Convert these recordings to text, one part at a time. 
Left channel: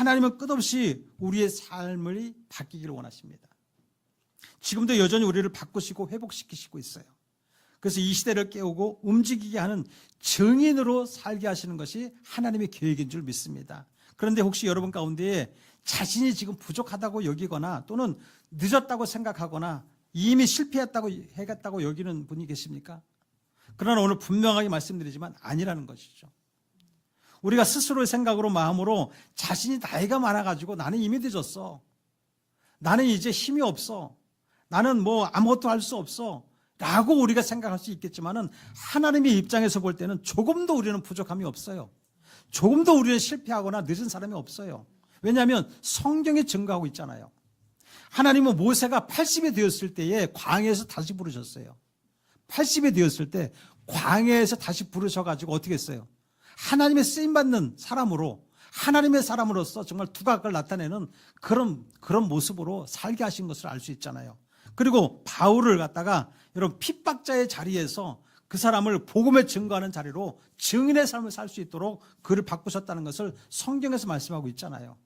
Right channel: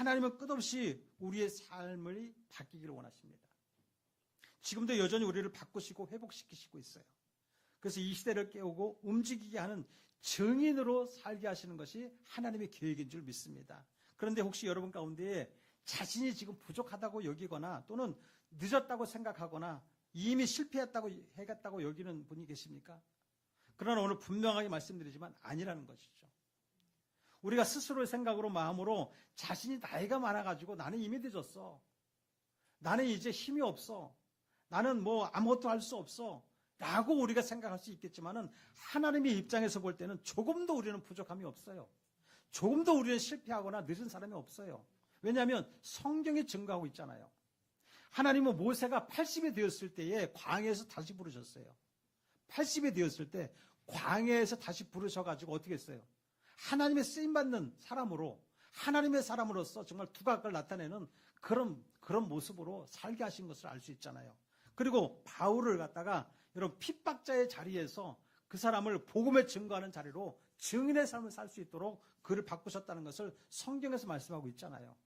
하나님은 끝없이 우리의 삶을 바뀌기를 원하십니다. 지금도 여전히 우리를 바꾸시고 회복시키시고 있어요. 그래서 이 시대를 깨우고 움직이게 하는 증인으로 살게 하시는 것이 하나님의 계획인 줄 믿습니다. 그런데 혹시 여러분 가운데 자신이 지금 부족하다고 여기거나 또는 늦었다고 생각하거나 이미 실패했다고 해갔다고 여기는 분이 계십니까? 그러나 오늘 분명하게 말씀드리지만 아니라는 것이죠. 우리가 스스로의 생각으로 마음으로 자신이 나이가 많아가지고 나는 이미 늦었어, 나는 이제 힘이 없어, 나는 뭐 아무것도 할 수 없어 라고 우리가 생각할 수 있겠지만은 하나님의 입장에서 볼 때는 조금도 우리는 부족함이 없어요. 조금도 우리는 실패하거나 늦은 사람이 없어요. 왜냐하면 성경에 증거하고 있잖아요. 하나님은 모세가 80이 되었을 때에 광야에서 다시 부르셨어요. 80이 되었을 때 광야에서 다시 부르셔가지고 어떻게 했어요? 하나님의 쓰임받는 사람으로, 하나님의 사람으로서 정말 두각을 나타내는 그런 모습으로 살게 하신 것을 알 수 있잖아요. 그리고 바울을 갖다가 여러분 핍박자의 자리에서 그 사람을 복음에 증거하는 자리로 증인의 삶을 살 수 있도록 그를 바꾸셨다는 것을 성경에서 말씀하고 있잖아요.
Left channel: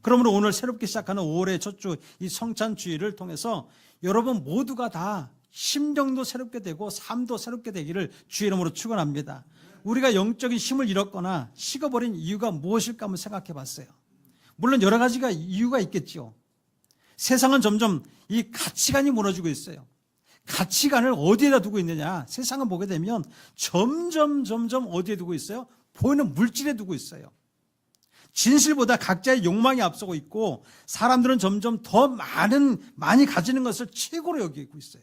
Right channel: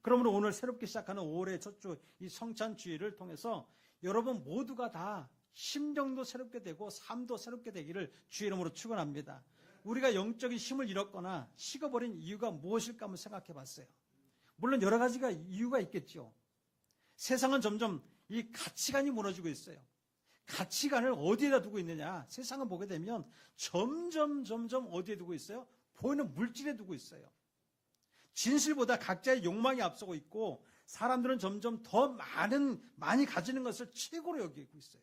그러므로 오늘 새롭게 시작하는 5월의 첫 주 이 성찬주의를 통해서 여러분 모두가 다 심령도 새롭게 되고 삶도 새롭게 되기를 주의 이름으로 축원합니다. 우리가 영적인 힘을 잃었거나 식어버린 이유가 무엇일까 한번 생각해 봤어요. 물론 여러 가지가 이유가 있겠죠. 세상은 점점 이 가치관이 무너지고 있어요. 가치관을 어디에다 두고 있느냐? 세상을 보게 되면 점점 어디에 두고 있어요? 보이는 물질에 두고 있어요. 진실보다 각자의 욕망이 앞서고 있고 사람들은 점점 더 많이 가지는 것을 최고로 여기고 있어요.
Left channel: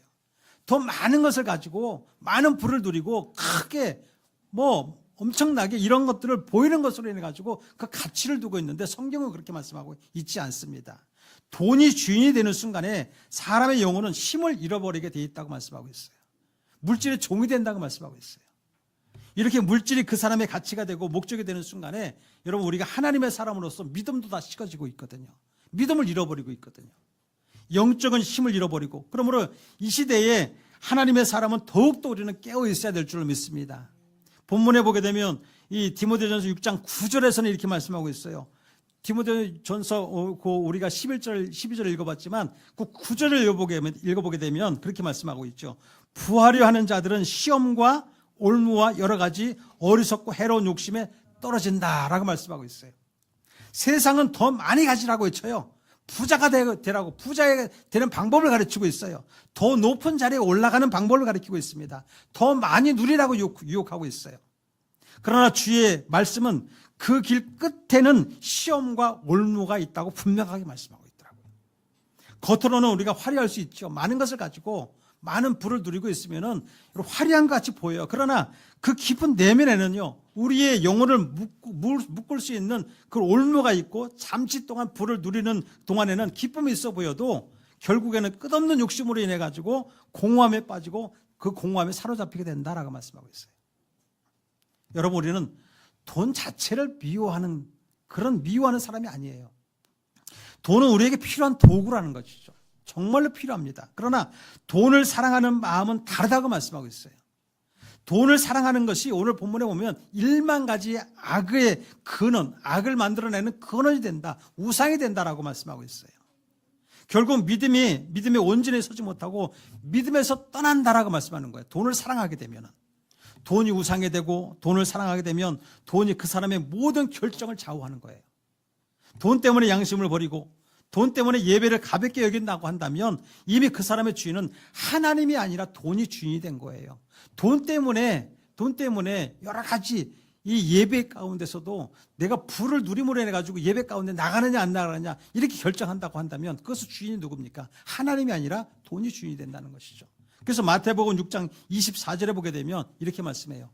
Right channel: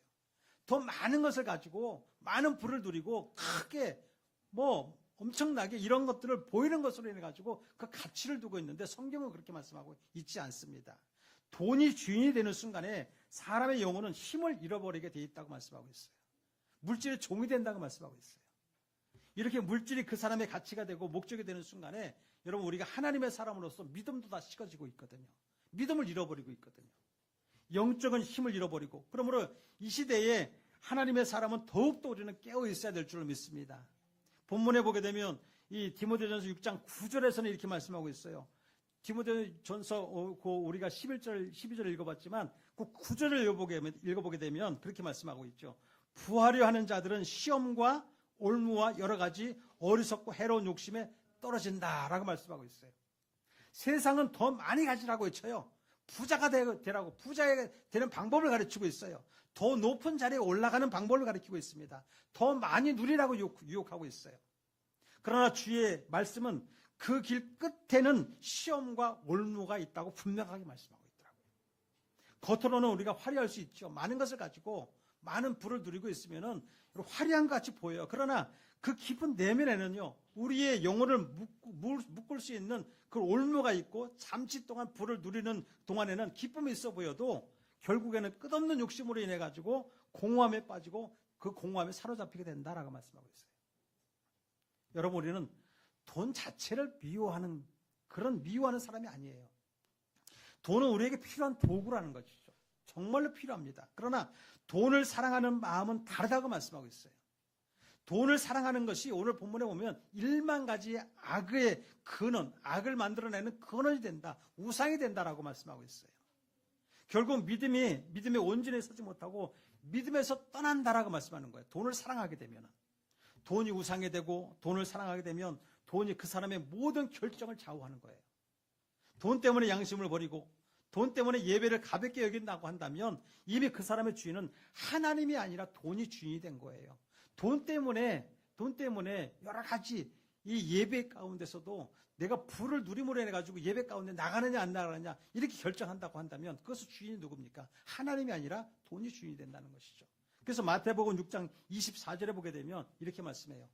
더 많은 것을 가지고 많은 부를 누리고 크게 뭐 엄청나게 이런 것들을 보이는 것으로 인해 가지고 그 가치를 두고 있는데 성경은 그렇게 말씀하고 있지 않습니다. 돈이 주인이 되는 순간에 사람의 영혼은 힘을 잃어버리게 돼 있다고 말씀하고 있어요. 물질의 종이 된다고 말씀하고 있어요. 이렇게 물질이 그 사람의 가치가 되고 목적이 되는 순간에 여러분 우리가 하나님의 사람으로서 믿음도 다 식어지고 있거든요. 믿음을 잃어버리고 있거든요. 영적인 힘을 잃어버리고, 그러므로 이 시대에 하나님의 사람은 더욱더 우리는 깨어 있어야 될 줄을 믿습니다. 본문에 보게 되면 이 디모데전서 6장 9절에서는 이렇게 말씀하고 있어요. 디모데전서 우리가 11절 12절을 읽어봤지만 그 9절을 읽어보게 되면 그렇게 말씀하고 있죠. 부하려 하는 자들은 시험과 올무와 여러 가지 어리석고 해로운 욕심에 떨어진다라고 말씀하고 있어요. 세상은 더 많이 가지라고 외쳐요. 부자가 되라고, 부자가 되는 방법을 가르치고 있어요. 더 높은 자리에 올라가는 방법을 가르치고 있습니다. 더 많이 누리라고 유혹하고 있어요. 그러나 주의 말씀은 그 길 끝에는 시험과 올무가 있다고 분명하게 말씀하고 있더라고요. 겉으로는 우리가 화려할 수 있죠. 많은 것을 가지고 많은 부를 누리고 있으면은 화려한 것 같이 보여요. 그러나 그 깊은 내면에는요, 우리의 영혼을 묶을 수 있는 그 올무가 있고 잠시 동안 부를 누리는 동안에는 기쁨이 있어 보여도 결국에는 끝없는 욕심으로 인해 가지고 공허함에 빠지고 그 공허함에 사로잡히게 된다라고 말씀하고 있어요. 여러분, 우리는 돈 자체를 미워하는 사람이 아니에요. 돈은 우리에게 필요한 도구라는 것이죠. 정말로 필요합니다. 그러나 돈을 사랑하는 마음은 다르다고 말씀하고 있어요. 돈을 사랑하는 것이 오늘 본문에 보면 1만 가지의 악의 근원, 악을 만들어내는 근원이 된다, 우상이 된다라고 말씀하고 있어요. 결국 믿음이 온전히 서지 못하고 믿음에서 떠난다라고 말씀하는 거예요. 돈을 사랑하게 되면은. 돈이 우상이 되고 돈을 사랑하게 되면 돈이 그 사람의 모든 결정을 좌우하는 거예요. 돈 때문에 양심을 버리고 돈 때문에 예배를 가볍게 여긴다고 한다면 이미 그 사람의 주인은 하나님이 아니라 돈이 주인이 된 거예요. 돈 때문에 여러 가지 이 예배 가운데서도 내가 부를 누림으로 해가지고 예배 가운데 나가느냐 안 나가느냐 이렇게 결정한다고 한다면 그것은 주인이 누굽니까? 하나님이 아니라 돈이 주인이 된다는 것이죠. 그래서 마태복음 6장 24절에 보게 되면 이렇게 말씀해요.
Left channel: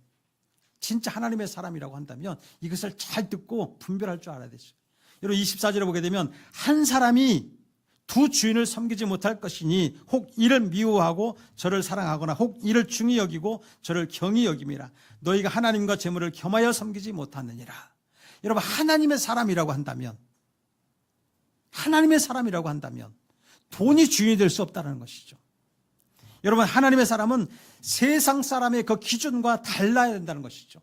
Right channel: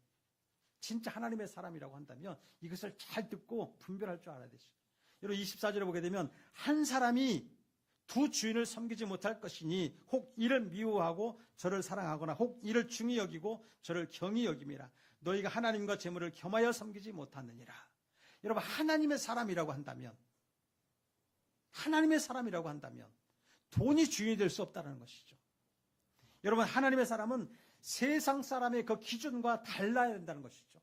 진짜 하나님의 사람이라고 한다면 이것을 잘 듣고 분별할 줄 알아야 되죠. 여러분 24절에 보게 되면 한 사람이 두 주인을 섬기지 못할 것이니 혹 이를 미워하고 저를 사랑하거나 혹 이를 중히 여기고 저를 경히 여김이라. 너희가 하나님과 재물을 겸하여 섬기지 못하느니라. 여러분 하나님의 사람이라고 한다면 돈이 주인이 될 수 없다는 것이죠. 여러분 하나님의 사람은 세상 사람의 그 기준과 달라야 된다는 것이죠.